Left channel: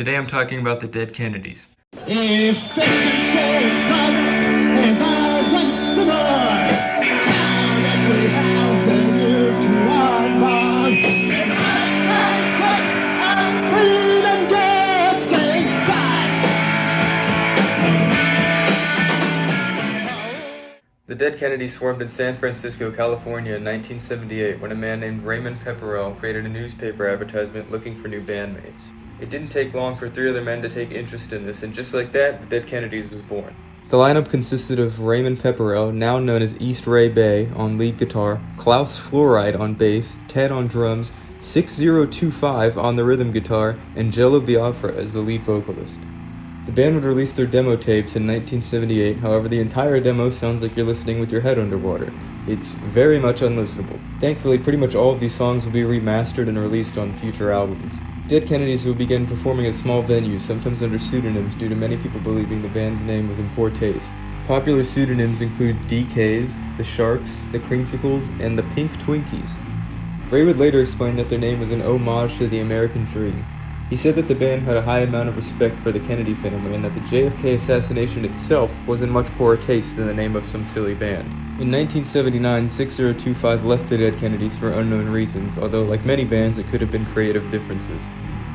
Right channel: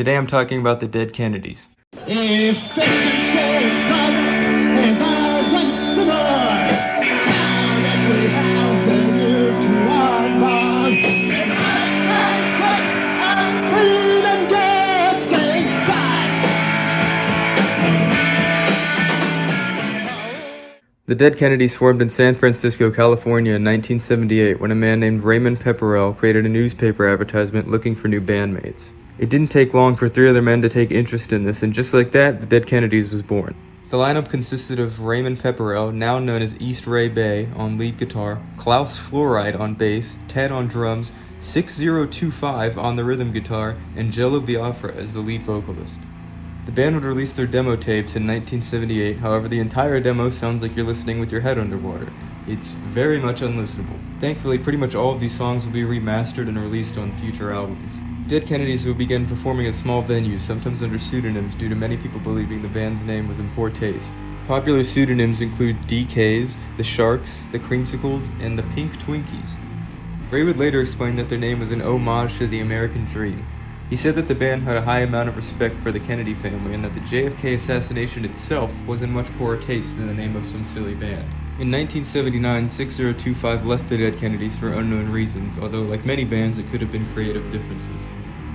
Today I'm talking about the Dead Kennedys. If fiction progress is ours once more, now that we have the new to our bond, and I cut and clean and get things done. The Dead Kennedys formed in San Francisco, California in 1978 when a man named Raymond Pepperell created a newspaper advertisement looking for new bandmates. It didn't take long for three other men to take interest in this, and just like that, the Dead Kennedys was born. The lineup consisted of Raymond Pepperell, now known as East Ray Bay, on lead guitar, Klaus Fluoride on bass, Ted on drums, 6025 on the rhythm guitar, and Jello Biafra as the lead vocalist. The band would release their demo tapes in 1978, however the entire demo sounds like you're listening with your head underwater. It's very much unlistenable. Thankfully, pretty much all of these songs will be remastered and released on future albums. Dead Kennedys will begin performing at small venues, sometimes under pseudonyms due to many people believing the band's name was in poor taste. Popular pseudonyms include DKs, the Sharks, the Creamsicles, and the Pink Twinkies. Ray would later explain that their name was an homage to the American dream. He said that the band had a high amount of respect for the Kennedy family and that the JFK assassination itself was in much poorer taste than the name of some silly band. In 1979, 6025 left the Dead Kennedys for unknown reasons, although like many bands it could have been creative differences.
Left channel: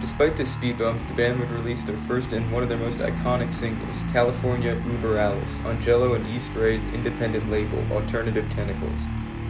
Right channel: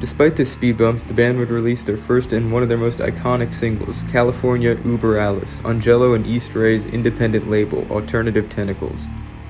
Despite this speed bump, the band would release their first and one of their most iconic singles, California Uber Alice, on Jello and East Ray's independent label, Alternative Tentacles.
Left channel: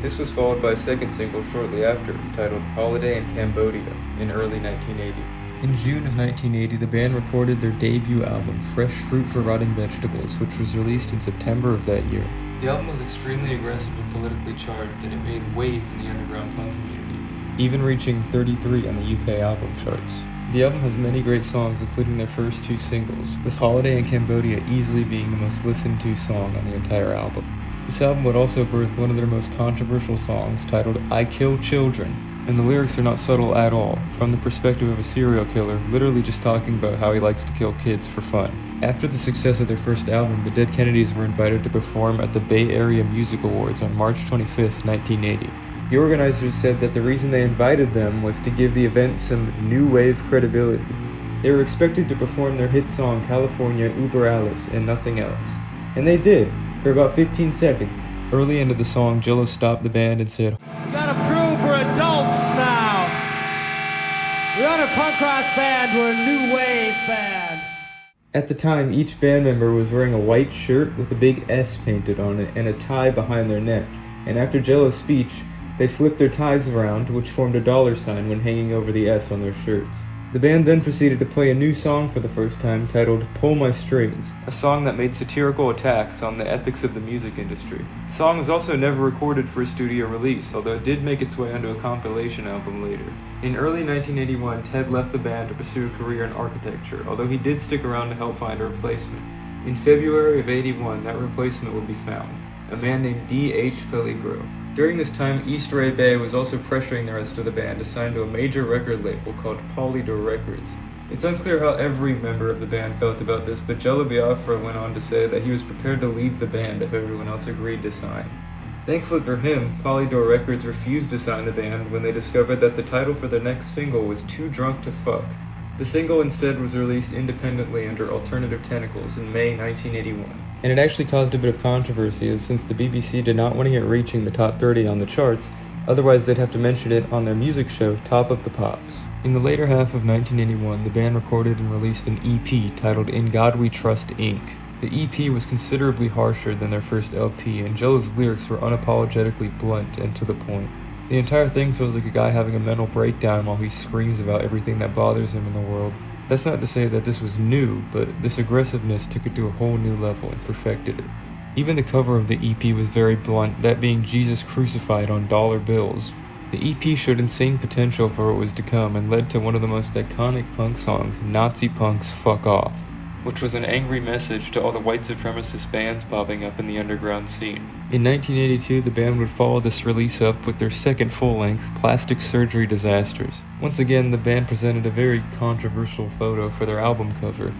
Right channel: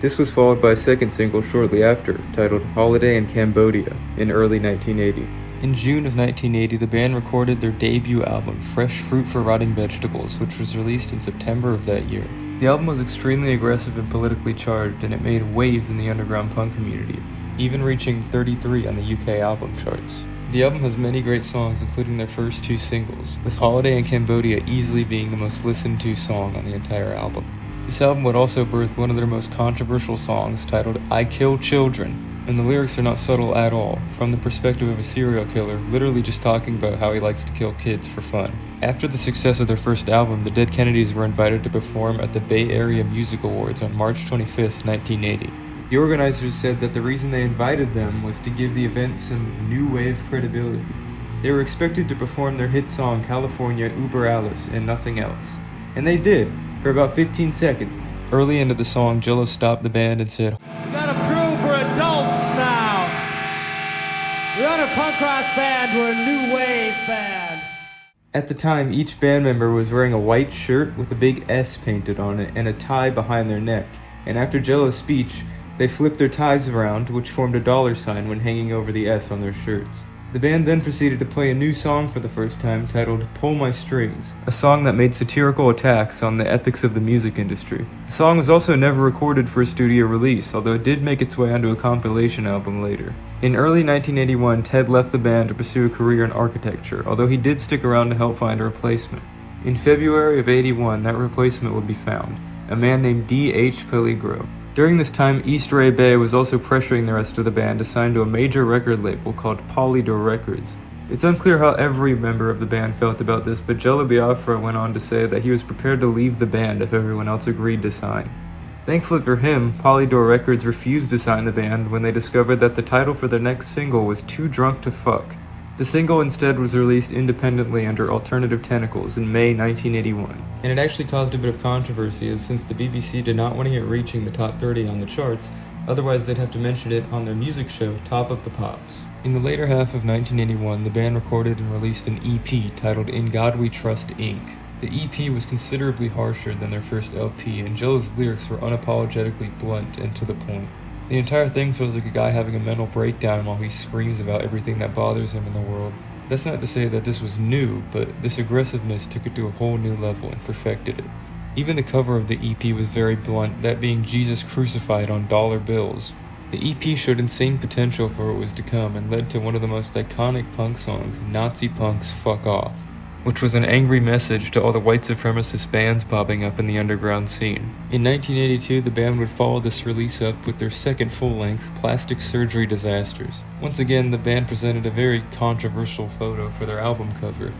This was followed by a second single shortly after, titled Holiday in Cambodia, in early 1980. In June of 1980, the band recorded their debut album, Fresh Fruit for Rotting Vegetables, which was released in September of that year. The album was extremely aggressive and politically charged, and it made waves in the underground punk community, even reaching 33 on the UK album charts. The album has many great songs, including their first two singles, with Holiday in Cambodia easily being the most listened to song on the entire album. This album would also birth one of their most controversial songs, titled I Kill Children, and the lyrics are not subtle at all, from the perspective of a serial killer, literally just talking about how he likes to kill kids for fun. After the success of their first album, the Dead Kennedys were invited to perform at the Bay Area Music Awards on March 25, 1980. The organizers said that the reason they invited them was to give the event some new wave credibility. They were expected to perform their hit song California Uber Alice and nothing else. And they did, for about 15 seconds. Early into the song, Jello stopped the band and said, "We got approved for adults now. We aren't a punk rock band, we're a new wave band." At the time, each band member was wearing a white shirt with a big S painted on it and a tie behind their neck, and after Jello's speech, they flipped their ties around, which formed a $sign when hanging over the S on their shirts. The band then proceeded to play a new song for the first time titled Pull My Strings, a song that made satirical attacks on the ethics of the music industry. The song was also never recorded for a studio release, although it did make its way onto a compilation album later. In early 1981, Ted left the band to pursue a career in architecture, although he did stick around to help find a replacement. In February of '81, that replacement would be found, a man named D.H. Peligro. During this time, East Ray Bay was also pressuring the rest of the band to sign to a major record label called Polydor Records. It's unclear how every member of the band felt about this, but Jello Biafra went on to say that he was prepared to leave the band if everyone else agreed to sign. Thankfully for him, Polydor Records refused to sign the band when they discovered that the title for their next single was Too Drunk to Fuck. The single instead was released independently under Alternative Tentacles in May 1981. And it actually caused a bit of controversy, as since the BBC did not want to get reaching the top 30 on the charts, otherwise they'd have to mention it on their music show, Top of the Pops. In the later half of 1981, the band recorded and released an EP titled In God We Trust, Inc. The EP was considerably harsher than their first LP, and Jello's lyrics were unapologetically blunt and to the point. The entire thing feels like a guy having a mental breakdown while he screams about everything that bothers him in the world. That's not to say that this was new, but this aggressiveness took it to a whole new level and perfected it. Even the cover of the EP was very blunt, that being Jesus crucified on dollar bills. The EP showed insane potential for what was to come and led to one of the most iconic punk songs, Nazi Punk's Fuck Off, which was an angry message to all the white supremacist bands popping up in the underground scene. In 1982, the band would follow this release up with their second full-length, Plastic Surgery Disasters. Once again, the band presented a very controversial photo for their album cover,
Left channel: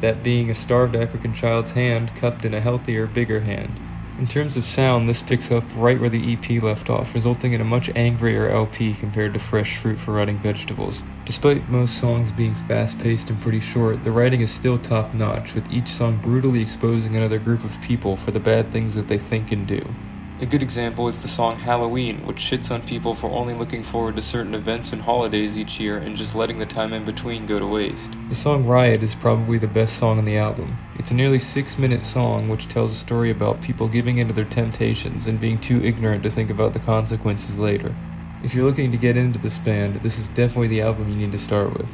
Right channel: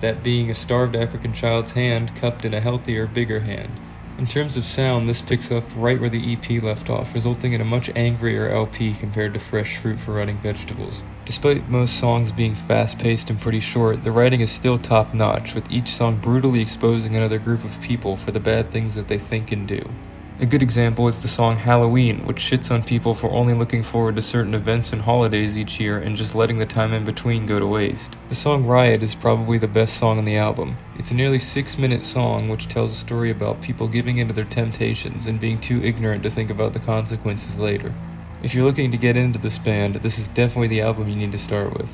that being a starved African child's hand cupped in a healthier, bigger hand. In terms of sound, this picks up right where the EP left off, resulting in a much angrier LP compared to Fresh Fruit for Rotting Vegetables. Despite most songs being fast-paced and pretty short, the writing is still top-notch, with each song brutally exposing another group of people for the bad things that they think and do. A good example is the song Halloween, which shits on people for only looking forward to certain events and holidays each year and just letting the time in between go to waste. The song Riot is probably the best song on the album. It's a nearly 6-minute song which tells a story about people giving into their temptations and being too ignorant to think about the consequences later. If you're looking to get into this band, this is definitely the album you need to start with.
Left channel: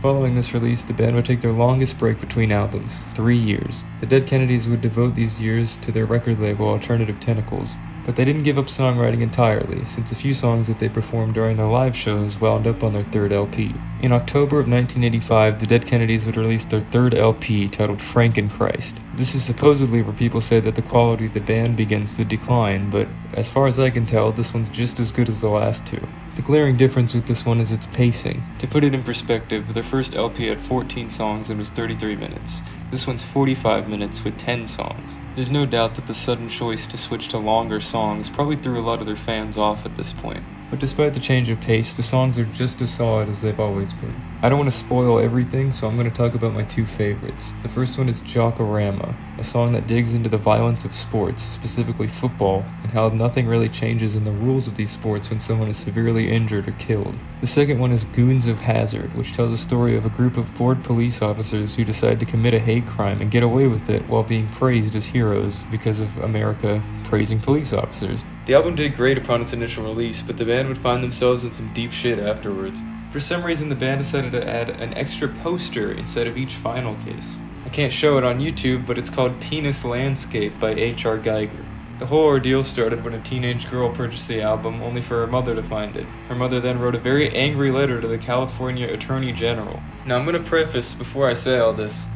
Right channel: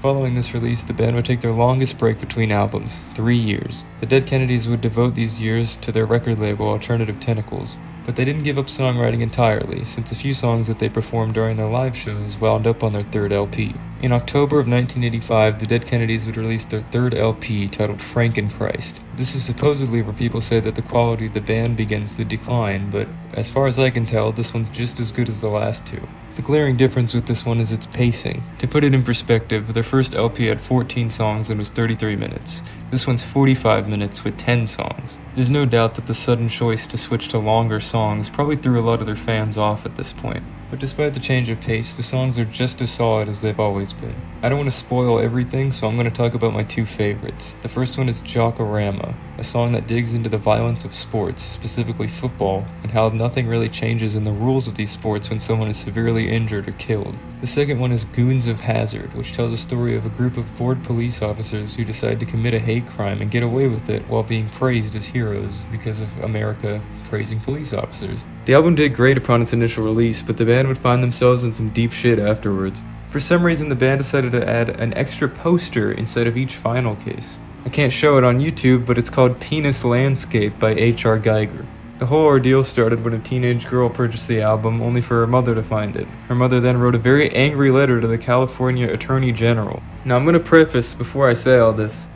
Following this release, the band would take their longest break between albums, 3 years. The Dead Kennedys would devote these years to their record label Alternative Tentacles, but they didn't give up songwriting entirely, since a few songs that they performed during their live shows wound up on their third LP. In October of 1985, the Dead Kennedys would release their third LP titled Frankenchrist. This is supposedly where people say that the quality of the band begins to decline, but as far as I can tell, this one's just as good as the last two. The glaring difference with this one is its pacing. To put it in perspective, their first LP had 14 songs and was 33 minutes. This one's 45 minutes with 10 songs. There's no doubt that the sudden choice to switch to longer songs probably threw a lot of their fans off at this point. But despite the change of pace, the songs are just as solid as they've always been. I don't want to spoil everything, so I'm going to talk about my two favorites. The first one is Jockorama, a song that digs into the violence of sports, specifically football, and how nothing really changes in the rules of these sports when someone is severely injured or killed. The second one is Goons of Hazard, which tells a story of a group of bored police officers who decide to commit a hate crime and get away with it while being praised as heroes because of America praising police officers. The album did great upon its initial release, but the band would find themselves in some deep shit afterwards. For some reason, the band decided to add an extra poster inside of each vinyl case. I can't show it on YouTube, but it's called Penis Landscape by H.R. Geiger. The whole ordeal started when a teenage girl purchased the album only for her mother to find it. Her mother then wrote a very angry letter to the California Attorney General. Now I'm going to preface before I say all this.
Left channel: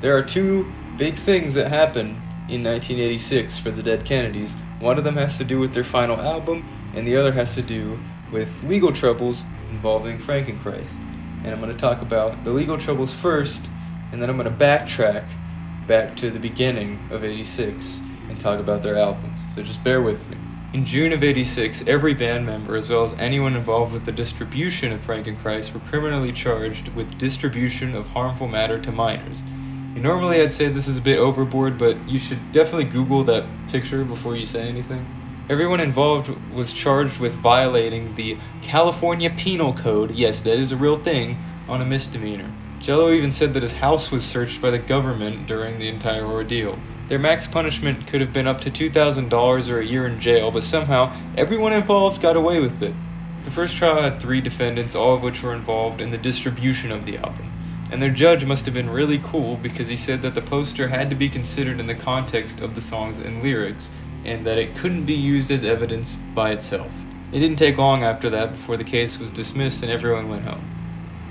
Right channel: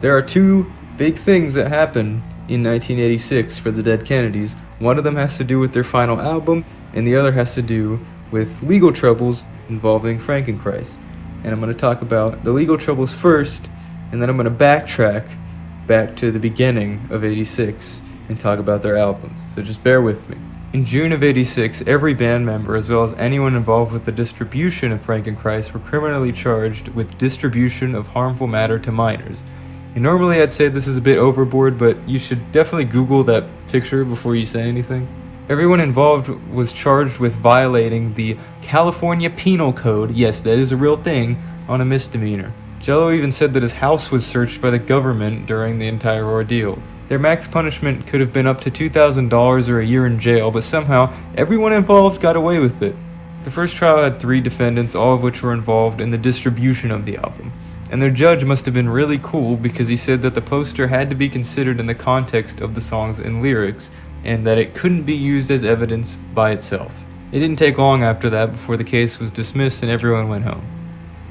There are two big things that happened in 1986 for the Dead Kennedys. One of them has to do with their final album, and the other has to do with legal troubles involving Frankenchrist. And I'm going to talk about the legal troubles first, and then I'm going to backtrack back to the beginning of 86 and talk about their albums. So just bear with me. In June of 86, every band member, as well as anyone involved with the distribution of Frankenchrist, were criminally charged with distribution of harmful matter to minors. And normally I'd say this is a bit overboard, but you should definitely Google that picture before you say anything. Everyone involved was charged with violating the California Penal Code, yes, that is a real thing, on a misdemeanor. Jello even said that his house was searched by the government during the entire ordeal. Their max punishment could have been up to $2,000 or a year in jail, but somehow everyone involved got away with it. The first trial had 3 defendants, all of which were involved in the distribution of the album. And their judge must have been really cool because he said that the poster had to be considered in the context of the songs and lyrics, and that it couldn't be used as evidence by itself. It didn't take long after that before the case was dismissed and everyone went home.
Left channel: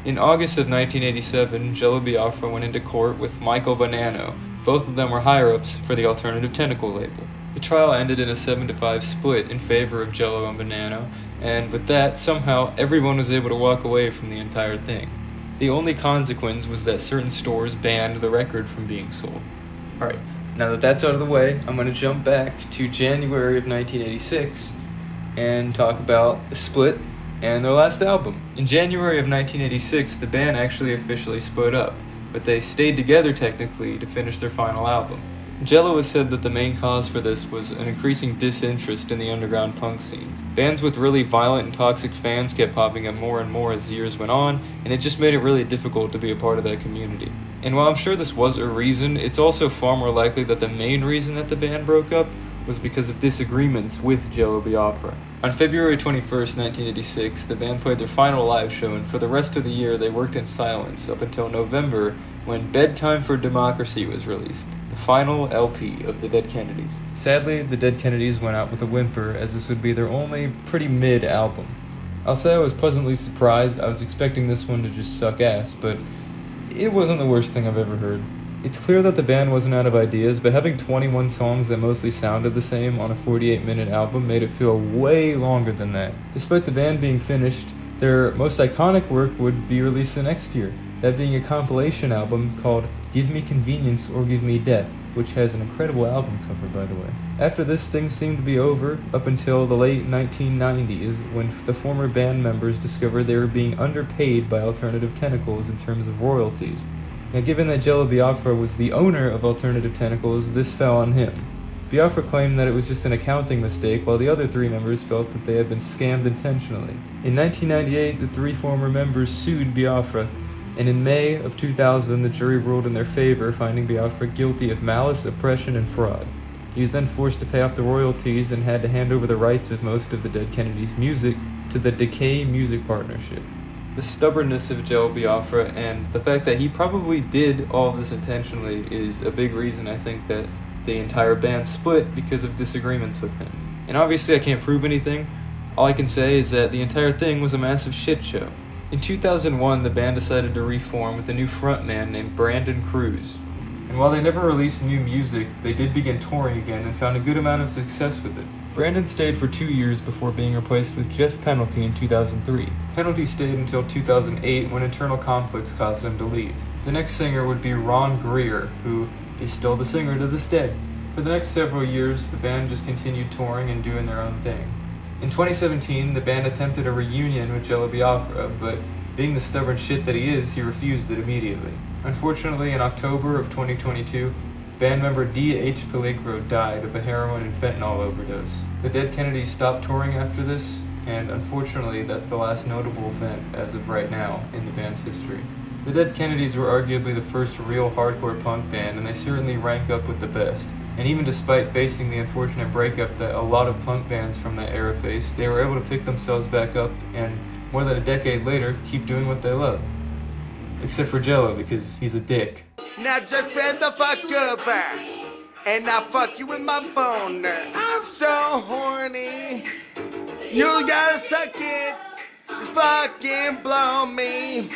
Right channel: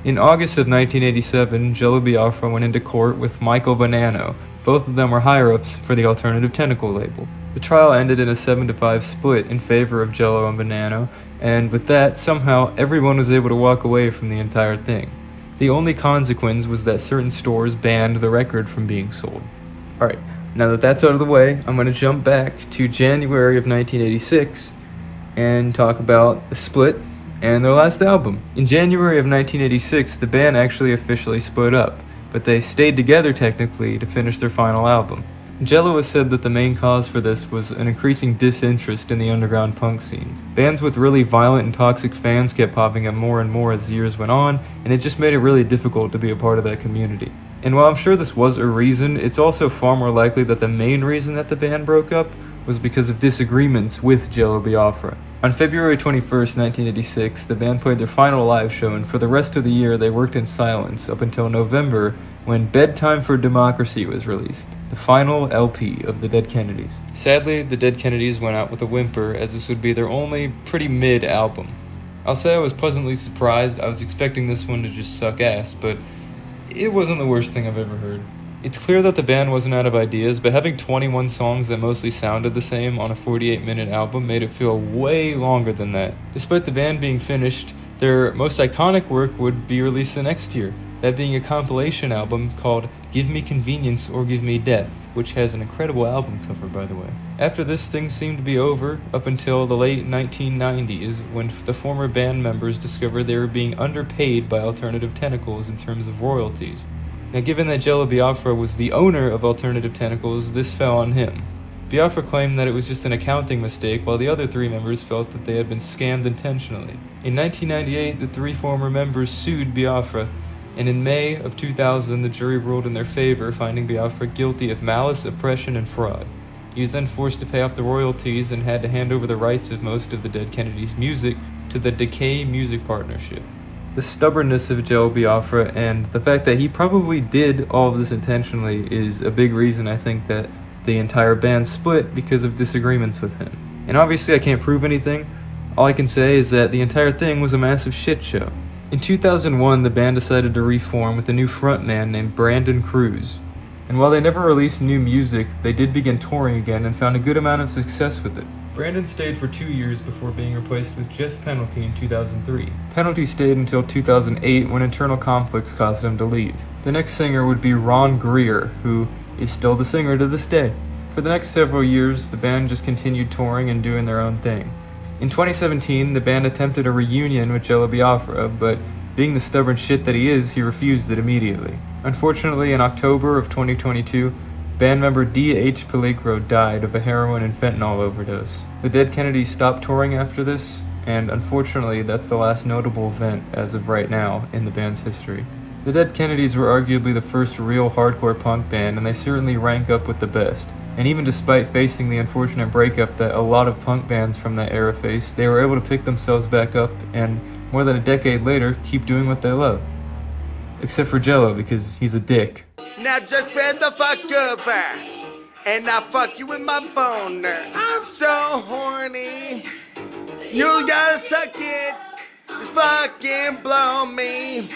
In August of 1987, Jello Biafra went into court with Michael Bonanno. Both of them were higher-ups for the Alternative Tentacle label. The trial ended in a 7-5 split in favor of Jello and Bonanno, and with that, somehow everyone was able to walk away from the entire thing. The only consequence was that certain stores banned the record from being sold. Alright, now that that's out of the way, I'm going to jump back to January of 1986 and talk about the split and their last album. In January of 1986, the band actually officially split up, but they stayed together technically to finish their final album. Jello has said that the main cause for this was an increasing disinterest in the underground punk scenes. Bands with really violent and toxic fans kept popping up more and more as the years went on, and it just made it really difficult to be a part of that community. And while I'm sure this was a reason, it's also far more likely that the main reason that the band broke up was because of disagreements with Jello Biafra. On February 21st, 1986, the band played their final live show, and for the rest of the year they worked in silence up until November, when Bedtime for Democracy was released, the final LP of the Dead Kennedys. Sadly, the Dead Kennedys went out with a whimper, as this would be their only pretty mid album. I'll say I was pleasantly surprised. I was expecting this one to just suck ass, but it wasn't the worst thing I've ever heard. It's clear that the band wasn't out of ideas, but having 21 songs that mostly sounded the same on a 48-minute album made it feel way longer than that. Despite the band being finished, their most iconic work would be released the next year. that being a compilation album called Give Me Convenience or Give Me Death, which has an incredible album cover, by the way. After this, things seemed to be over up until the late 1990s, when the former band members discovered they were being underpaid by Alternative Tentacles in terms of royalties. Now, given that Jello Biafra was the owner of Alternative Tentacles, this fell on him. Biafra claimed that it was just an accounting mistake, while the other three members felt that they had been scammed intentionally. In 1998, the three former members sued Biafra, and in May of 2000, the jury ruled in their favor, finding Biafra guilty of malice, oppression, and fraud. He was then forced to pay off the royalties and had to hand over the rights of most of the Dead Kennedys' music to the Decay Music Partnership. The stubbornness of Joe Biafra and the fact that he probably did all of this intentionally is a big reason I think that the entire band split because of disagreements with him. And obviously I can't prove anything. All I can say is that the entire thing was a massive shit show. In 2001, the band decided to reform with a new frontman named Frankenchrist. And while they never released new music, they did begin touring again and found a good amount of success with it. Brandon stayed for 2 years before being replaced with Jeff Penalty in 2003. Penalty stayed until 2008 when internal conflicts caused him to leave. The next singer would be Ron Greer, who is still the singer to this day. For the next several years, the band just continued touring and doing their own thing. In 2017, the band attempted a reunion with Jello Biafra, but being the stubborn shit that he is, he refused it immediately. Unfortunately, in October of 2022, band member D.H. Peligro died of a heroin and fentanyl overdose. The Dead Kennedys stopped touring after this, and unfortunately, that's the last notable event as of right now in the band's history. The Dead Kennedys were arguably the first real hardcore punk band, and they certainly rank up with the best. And even despite facing the unfortunate breakup that a lot of punk bands from that era faced, they were able to pick themselves back up and, more than a decade later, keep doing what they love. Except for Jello, because he's a dick. Now just bend the fuck over, and I'll fuck you with my boner. I'm so horny. You gotta suck it, just fucking blow me.